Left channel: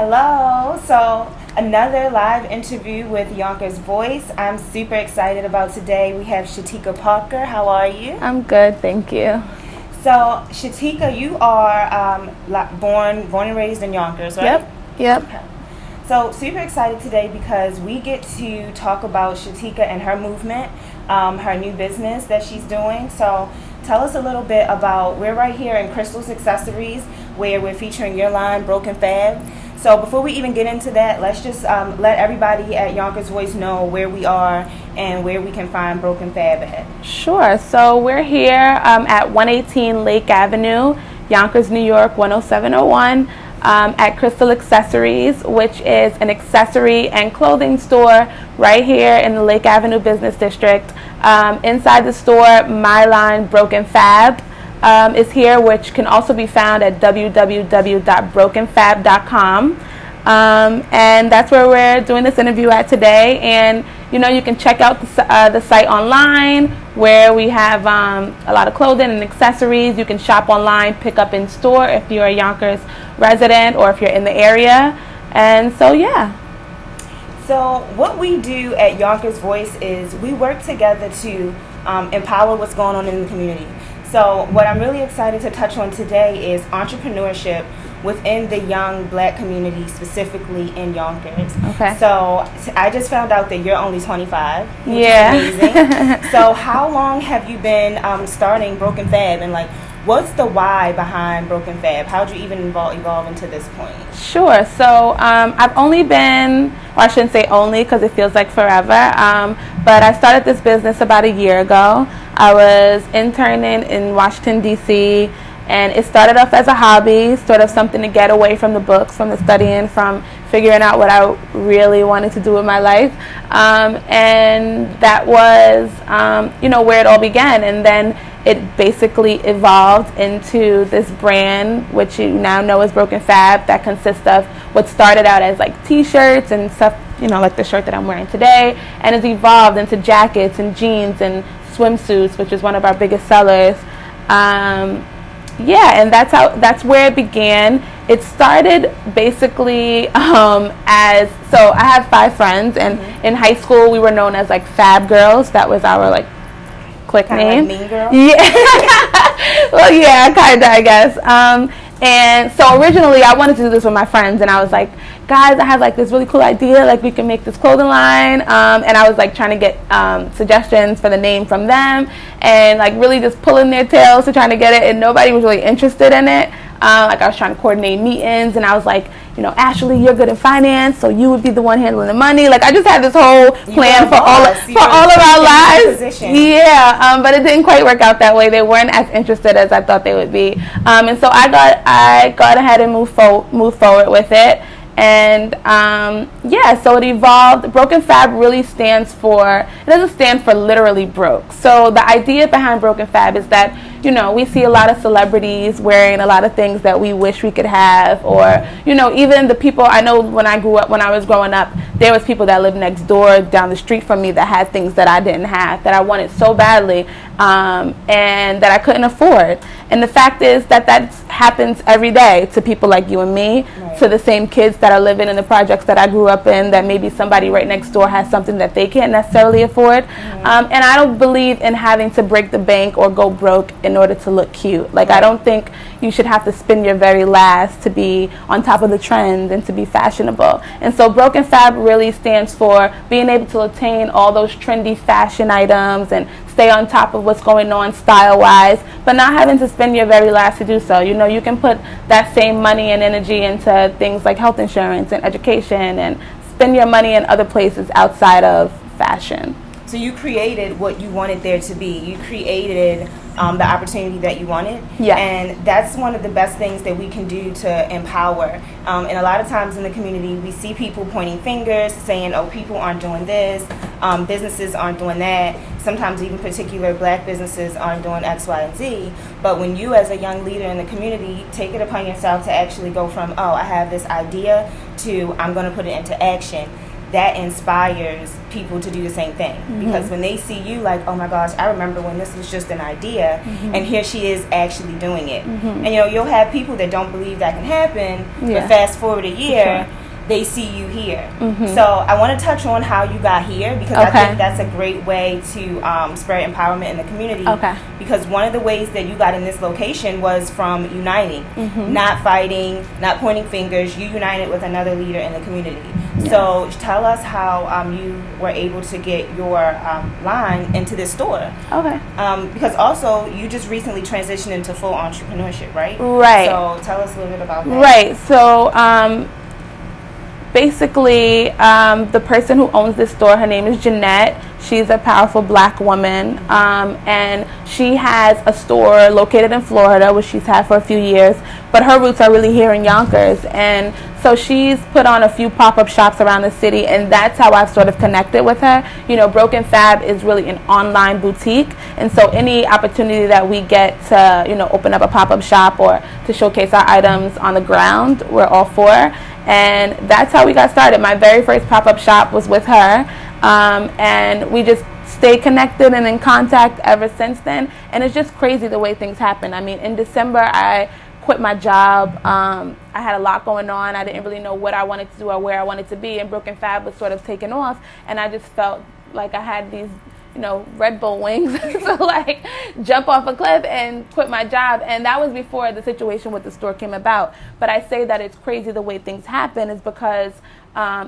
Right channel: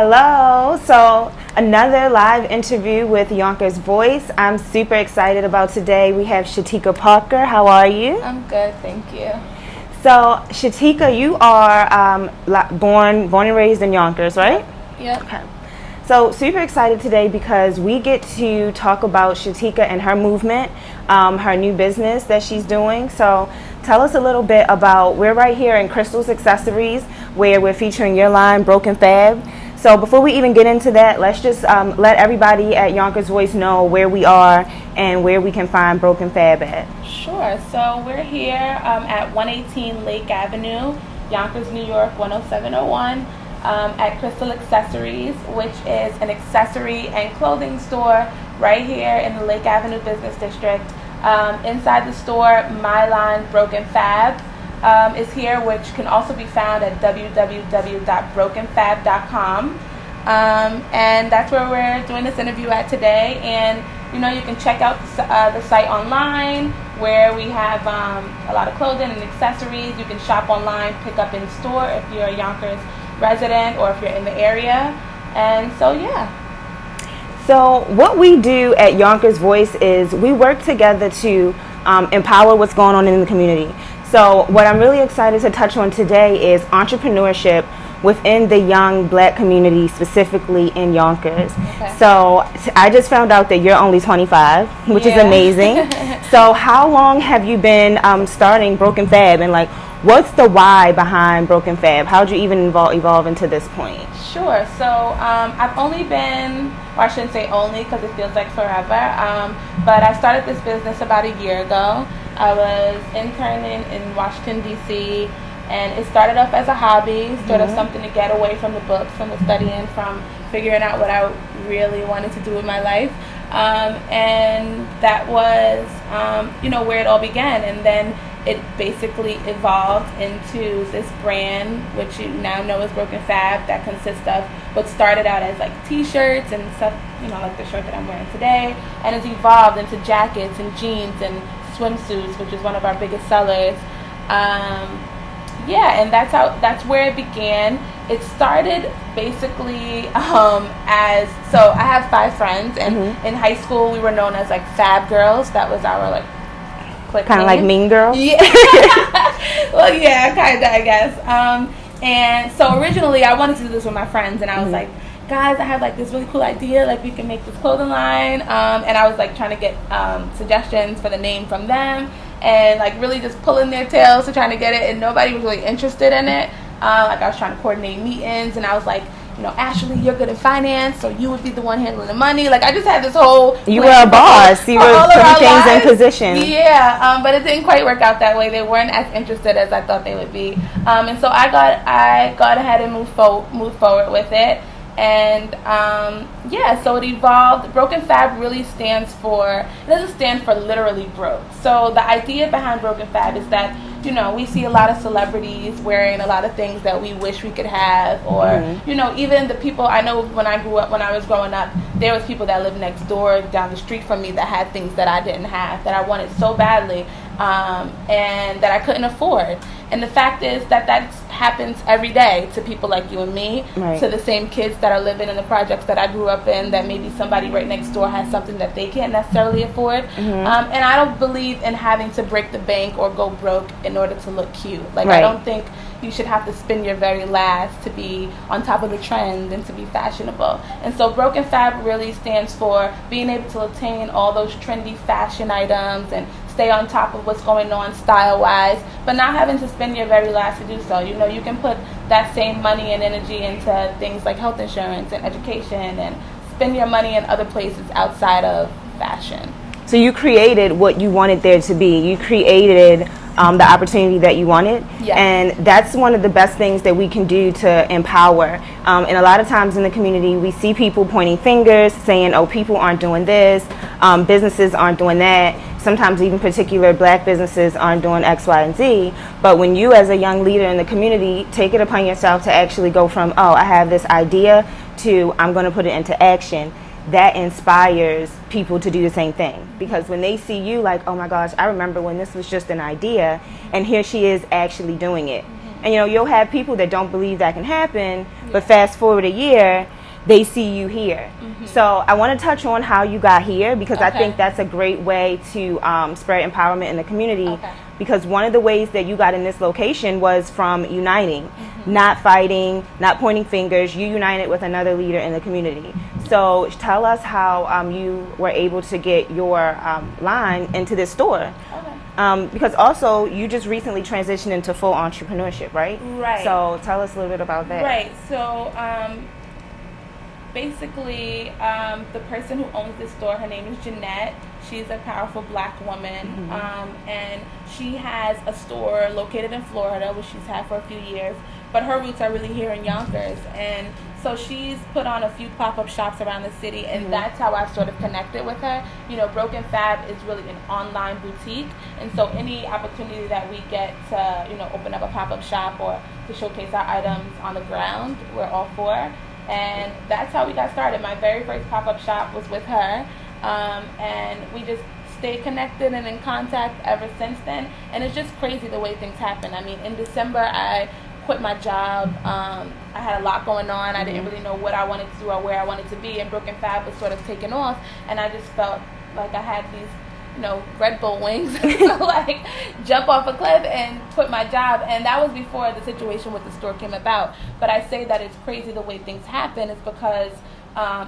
Hello. So another live interview with Yonkers Voice. I'm super excited about today. We have Shatika Parker. How are you? I'm good, thank you. So Shatika, you are born and raised in Yonkers, right? Yep. Okay. So super excited today because we get to talk about Shatika and her movement, her new business that she's doing. So tell us a little bit about, we're right here in Crystal's Accessories where we're featuring your line, Broken Fab. So before we even get into that, let's just let everybody at Yonkers Voice know where we are and where we can find Broken Fab at. Sure. So we're here at 118 Lake Avenue, Yonkers, New York, 10701, at Crystal Accessories, which is an accessory and clothing store right here in the Lake Avenue Business District. Inside the store, my line, Broken Fab, is here, which can also be found at www.brokenfab.com. And that's where we're doing this interview at today. And you can check out the site online where we have a lot of clothing and accessories. You can shop online, pick up in store if you're a Yonkers resident or if you're in the area. And so, yeah. So what we do at Yonkers Voice is we work together to empower what's going on in the community. So what I'm really excited to touch on today is entrepreneurship within the young black community, specifically in Yonkers. Okay. So I just found out that you're only 25, which is amazing. So how long have you been starting Broken Fab, and what's the why behind Broken Fab? How did you even evolve into this point? Sure. So I've only been, or I shouldn't say only because it feels like forever, but I started this business about a year ago. I was interning in Washington, D.C., and it started off as a hobby, sort of something to get away from the books, from the studying, from figuring out what I really wanted to do with my life. And that was, where it all began. And then it basically evolved into this brand, which you now know as Broken Fab, that consists of what started out as T-shirts and stuff, like the shirt that I'm wearing today, and it's evolved into jackets and jeans and swimsuits, which is one of our biggest sellers. And that's where it began. It started basically as, so I have 5 friends, and in high school we were known as Fab Girls. That was our clique kind of name. like Mean Girls. Yeah. Well, yeah, kind of, I guess. And so originally I wanted to do this with my friends, and I was like, guys, I have this really cool idea, we can make this clothing line, and I was trying to get suggestions for the name from them, and really just pulling their tails to trying to get it, and nobody was really interested in it. I was trying to coordinate meetings, and I was like, Ashley, you're good in finance, so you would be the one handling the money. I just had this whole plan for all of our lives. Yeah, but it didn't quite work out that way. They weren't as interested as I thought they would be, and so I got ahead and moved forward with it. And so it evolved. Broken Fab really stands for, it doesn't stand for literally broke. So the idea behind Broken Fab is that, we see a lot of celebrities wearing a lot of things that we wish we could have, or, even the people, I know when I was growing up, there was people that lived next door, down the street from me, that had things that I didn't have, that I wanted so badly, and that I couldn't afford. And the fact is that happens every day to people like you and me, to the same kids that are living in the projects that I grew up in, that maybe somebody right next door has something that they can't necessarily afford. And I don't believe in having to break the bank or go broke in order to look cute. I don't think you should have to spend your very last to be on top of the trends and to be fashionable. And so Broken Fab really stands for being able to attain all those trendy fashion items and stay on top of what's going on style-wise, but not having to spend your very last to do so. You can put that same money and energy into things like health insurance and education, and spend your money in other places outside of fashion. So you created what you wanted there to be. You created the opportunity that you wanted. Yeah. And that's one of the best things that we can do to empower. And a lot of times in the community, we see people pointing fingers, saying, oh, people aren't doing this, businesses aren't doing that. Sometimes even particular black businesses aren't doing X, Y, and Z. But when you as a young leader in the community take it upon yourself to actually go from, oh, I have this idea, to I'm going to put it into action, that inspires people to do the same thing. Because when they see you, like, oh my gosh, I remember when this was just an idea, and here she is actually doing it. And you know, you'll have people that don't believe that can happen, but fast forward a year, they see you here. So I want to touch on how you got here, because I think that's a great way to spread empowerment in the community. Because one of the ways that you got in this location was from uniting, not fighting, not pointing fingers. You united with another leader in the community. So tell us how you were able to get your line into this store. Because also you just recently transitioned into full entrepreneurship, right? Right. So tell us a little bit about that. Right. So basically, the person who owns this store, her name is Jeanette. She's a powerful black woman, and she has a store located in Florida, which she's had for a few years, but her roots are really here in Yonkers. And so she's put on a few pop-up shops around the city, and that's how I've sort of connected with her. You know, Broken Fab is really an online boutique, and so any opportunity that we get to, you know, open up a pop-up shop or to showcase our items on the ground, we're all for. And that's how we got started. My very first pop-up shop was with her, and we just stayed connected and in contact ever since then. And it's just crazy the way things happen. I mean, in December, I quit my job. I had a lot going on. I didn't really know what I wanted to do or where I wanted to be, and Broken Fab was sort of taking off, and I just felt like I had these, you know, Red Bull wings to like jump off a cliff and quit my job. And that was before the situation with the store came about. But I say that it's crazy the way things happen is because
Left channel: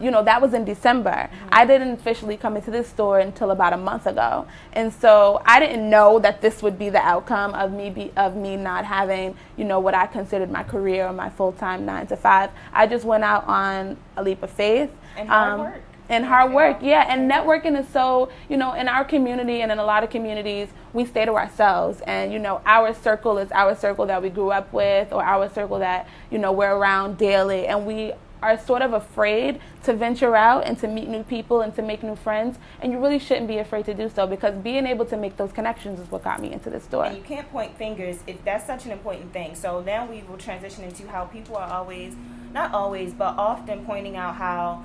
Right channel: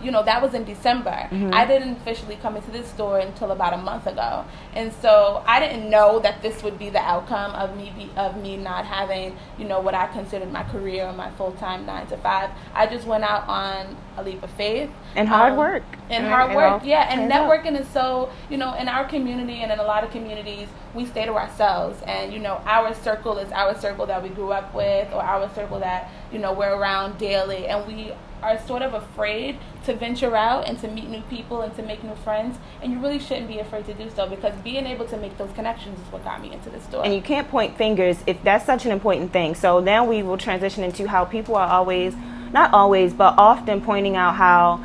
you know, that was in December. I didn't officially come into this store until about a month ago, and so I didn't know that this would be the outcome of me not having, you know, what I considered my career or my full-time 9 to 5. I just went out on a leap of faith and hard work. And hard work, and networking is so, you know, in our community and in a lot of communities, we stay to ourselves, and you know, our circle is our circle that we grew up with, or our circle that, you know, we're around daily, and we are sort of afraid to venture out and to meet new people and to make new friends, and you really shouldn't be afraid to do so, because being able to make those connections is what got me into this store. And you can't point fingers if that's such an important thing. So now we will transition into how people are always, not always, but often pointing out how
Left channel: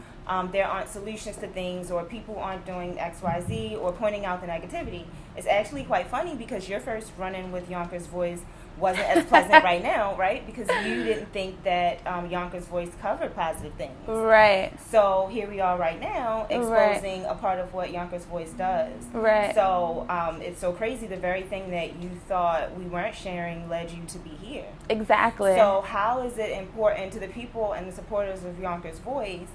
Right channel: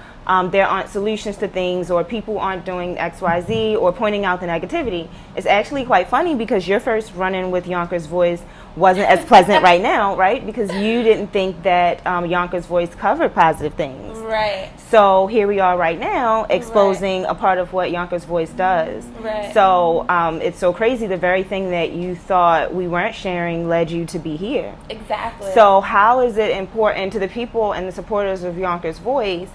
there aren't solutions to things, or people aren't doing XYZ, or pointing out the negativity. It's actually quite funny, because your first run-in with Yonkers Voice wasn't as pleasant right now, right? Because you didn't think that Yonkers Voice covered positive things. Right. So here we are right now exposing a part of what Yonkers Voice does. Right. So it's so crazy. The very thing that you thought we weren't sharing led you to be here. Exactly. So how is it important to the people and the supporters of Yonkers Voice?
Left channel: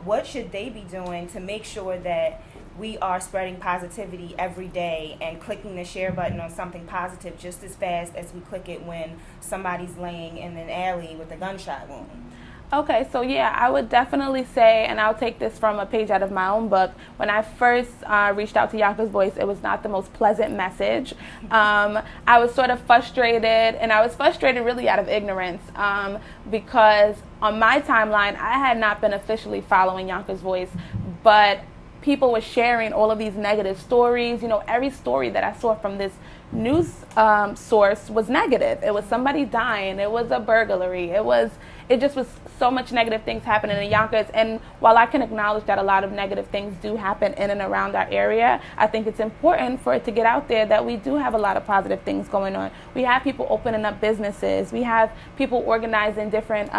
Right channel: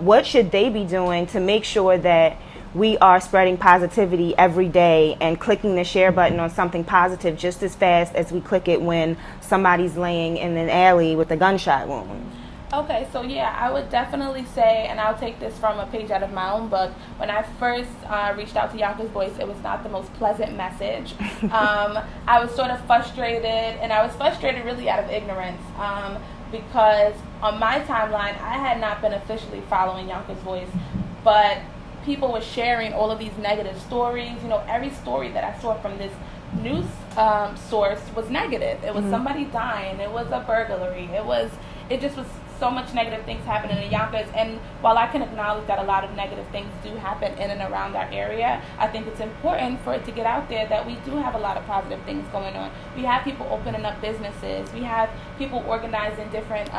What should they be doing to make sure that we are spreading positivity every day and clicking the share button on something positive just as fast as we click it when somebody's laying in an alley with a gunshot wound? Okay, so yeah, I would definitely say, and I'll take this from a page out of my own book, when I first reached out to Yonkers Voice, it was not the most pleasant message. I was sort of frustrated, and I was frustrated really out of ignorance, because on my timeline, I had not been officially following Yonkers Voice, but people were sharing all of these negative stories. You know, every story that I saw from this news source was negative. It was somebody dying. It was a burglary. It just was so much negative things happening in Yonkers. And while I can acknowledge that a lot of negative things do happen in and around our area, I think it's important for it to get out there that we do have a lot of positive things going on. We have people opening up businesses. We have people organizing different,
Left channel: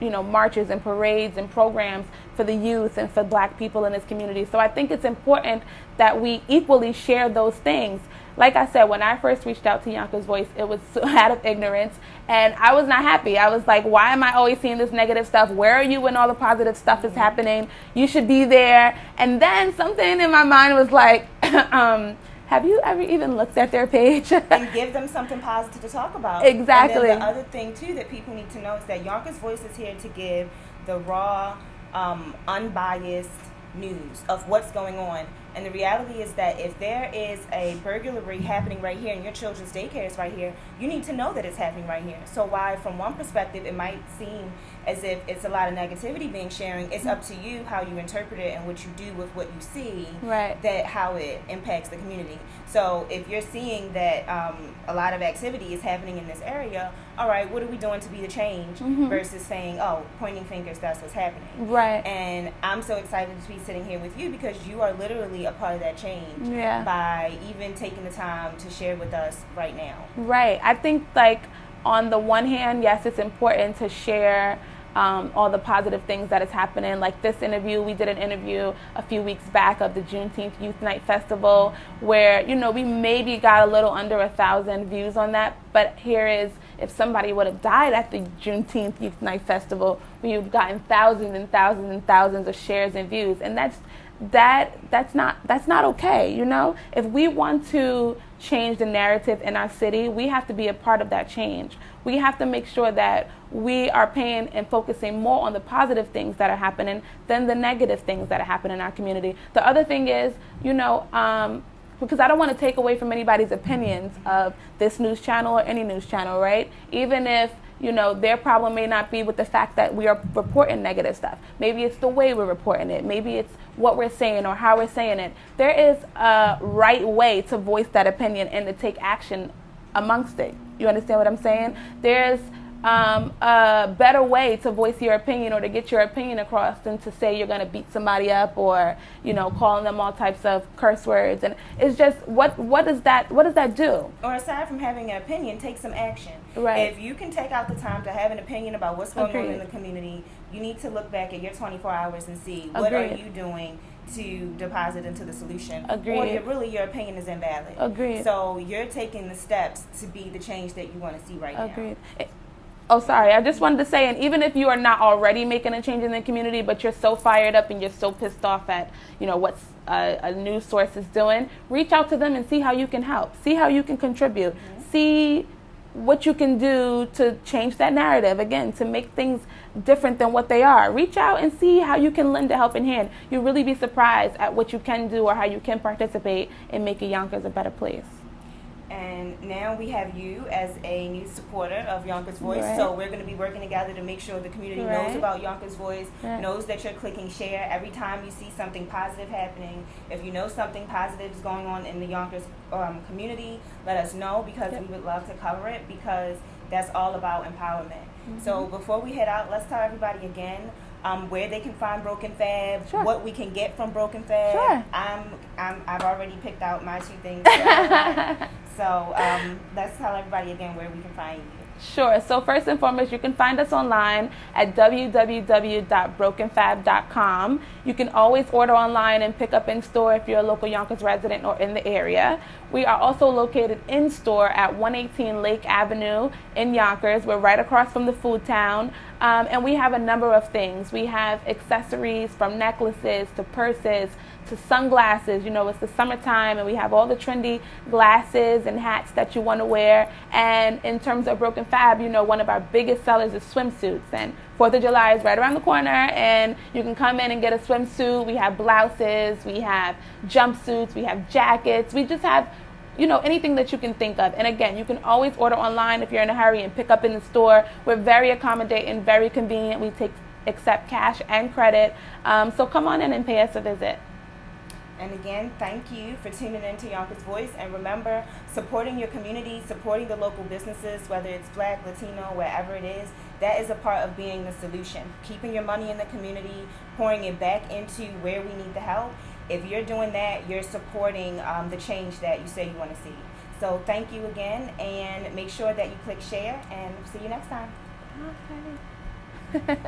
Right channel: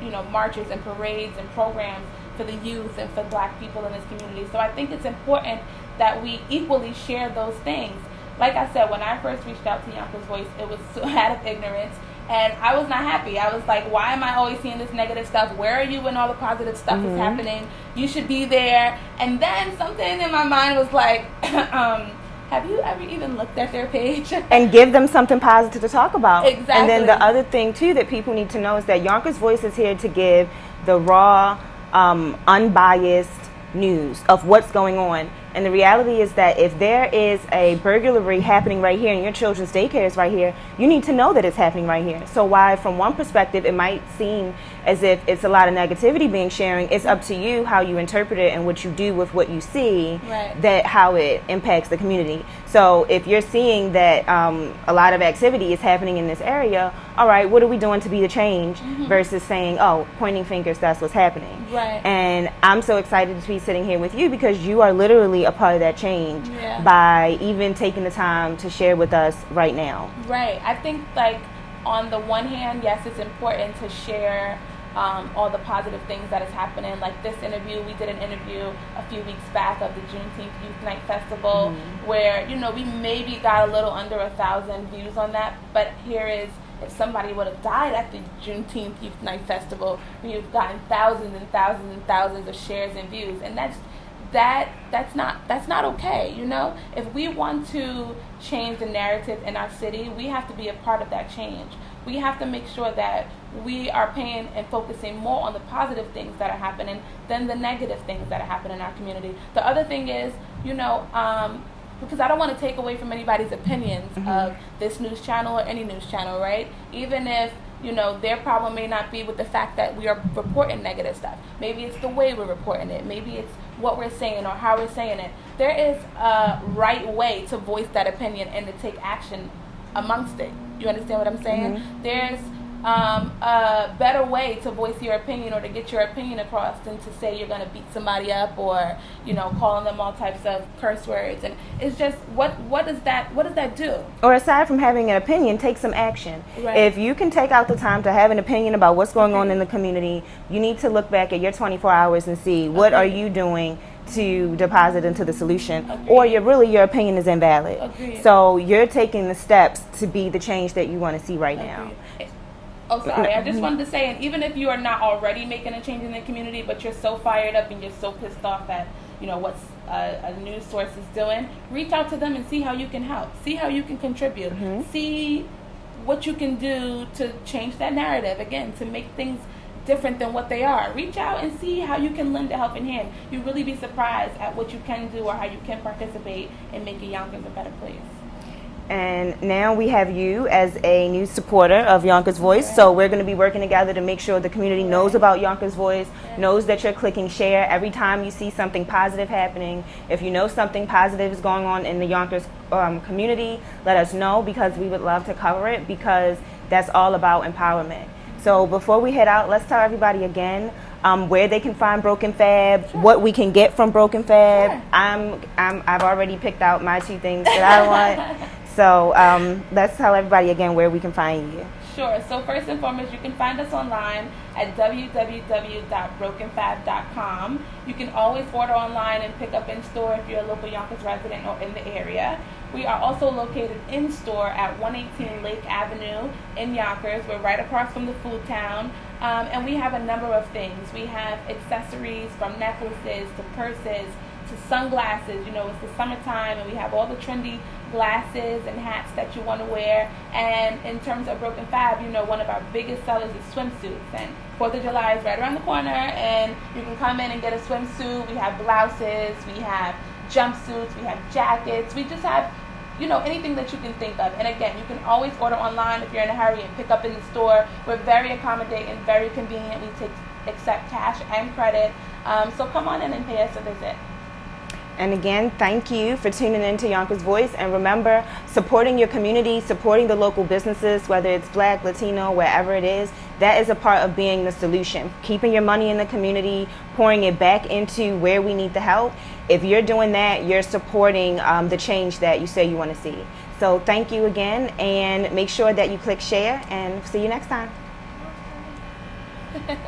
you know, marches and parades and programs for the youth and for black people in this community. So I think it's important that we equally share those things. Like I said, when I first reached out to Yonkers Voice, it was out of ignorance, and I was not happy. I was like, why am I always seeing this negative stuff? Where are you when all the positive stuff is happening? You should be there. And then something in my mind was like, have you ever even looked at their page? And give them something positive to talk about. Exactly. And then the other thing, too, that people need to know is that Yonkers Voice is here to give the raw, unbiased news of what's going on. And the reality is that if there is a burglary happening right here and your children's daycare is right here, you need to know that it's happening right here. So while from one perspective it might seem as if it's a lot of negativity being sharing, it's up to you how you interpret it and what you do with what you see, Right. that how it impacts the community. So if you're seeing that a lot of activity is happening in this area, all right, what are we doing to be the change versus saying, oh, pointing fingers, that's what's happening. Right. And I'm so excited to be sitting here with you because you are literally a part of that change by even taking the time to share with us right now. Right. I think, like, on the one hand, yes, it's important to share all the positive things that is happening. Like this interview, we did an interview a few weeks back of the Juneteenth Youth Night Festival where, you know, we maybe got a little under 1,000 views on that. But here is, if somebody would have died at the Juneteenth Youth Night Festival, we've gotten thousands and thousands and thousands of shares and views. And that's not okay, you know? If we want to change the narrative in our city, we have to be a part of that change. We have to make sure that we are paying and focusing more on the positive things that are happening than the negative things that are happening in our community. The other thing is, you know, because I don't want to take away from anybody's opinions of this news channel or any news channel, right? Even if, you know, their problem may not be with the fact that we are reporting negative stuff. Maybe it's the way we're reporting it. Maybe it's what we're saying or how we're saying it. There is a right way to voice that opinion and to take action amongst it. You understand what I'm saying? There's a better way to voice your opinion or to get your opinion across than to say you're going to beat somebody up or, you know, calling them all types of curse words. And it's just, what does that do? Or aside from having an opinion, take some action. Right. If you can take out the time to have an opinion about what's going on in the community, you need to look back at your 24 hours and see what are you doing to deposit into the solution. Or your opinion is invalid. So you're taking the steps to be the change that you want to see right now. Oh, sorry. I just wanted to say, and even if you are not already making a change in the community, but you're so fired up and you're so pissed off at, you know, what's a news source is doing, reach out to them and see how you can help. See how you can contribute. See what you can do to change that narrative, again, to make things different than what they are. Reach out and see how you can lend a helping hand. You'll really be surprised at what you can do or how you can participate in making Yonkers a better place. And now we have you as a new supporter of Yonkers Voice. Right. So we're going to be working together to make sure the community knows about Yonkers Voice, knows that you're clicking share every time you see something positive happening. If you know something positive is going on in the Yonkers community, let us know because we would love to cover it because that's all about empowerment. So before we head out, let's tell everybody again where they can find Broken Fab, what we can get from Broken Fab. I've already picked out my 2 things that I want. So let's tell everybody again where we can find you. Sure. So first and foremost, you can find us online at www.brokenfab.com. You can always order online and pick up in store if you're a local Yonkers resident or in the area. We are also located in store at 118 Lake Avenue in Yonkers. We're right across from the Food Town. And we have a number of things. We have accessories from necklaces to purses to sunglasses. You know, it's the summertime and we have all the trendy glasses and hats that you want to wear. And in terms of Broken Fab, you know, one of our biggest sellers is swimsuits. And 4th of July is right around the corner and you can come in and get a swimsuit. We have blouses, we have jumpsuits, we have jackets. We just have, you know, anything that you can think of. And again, you can always order online if you're in a hurry and pick up in the store. We're very accommodating, very convenient. We accept cash and credit. So come on in and pay us a visit. And again, thank you for tuning in to Yonkers Voice. And remember, supporting your community, supporting the local businesses, whether it's Black, Latino, wherever it is, that is a part of being the solution. Keeping your money in the community, pouring it back into where we need the help. If you're doing that, you're supporting the change that you say you want to see. So thank you again, and make sure that you click share, and see you next time. Okay.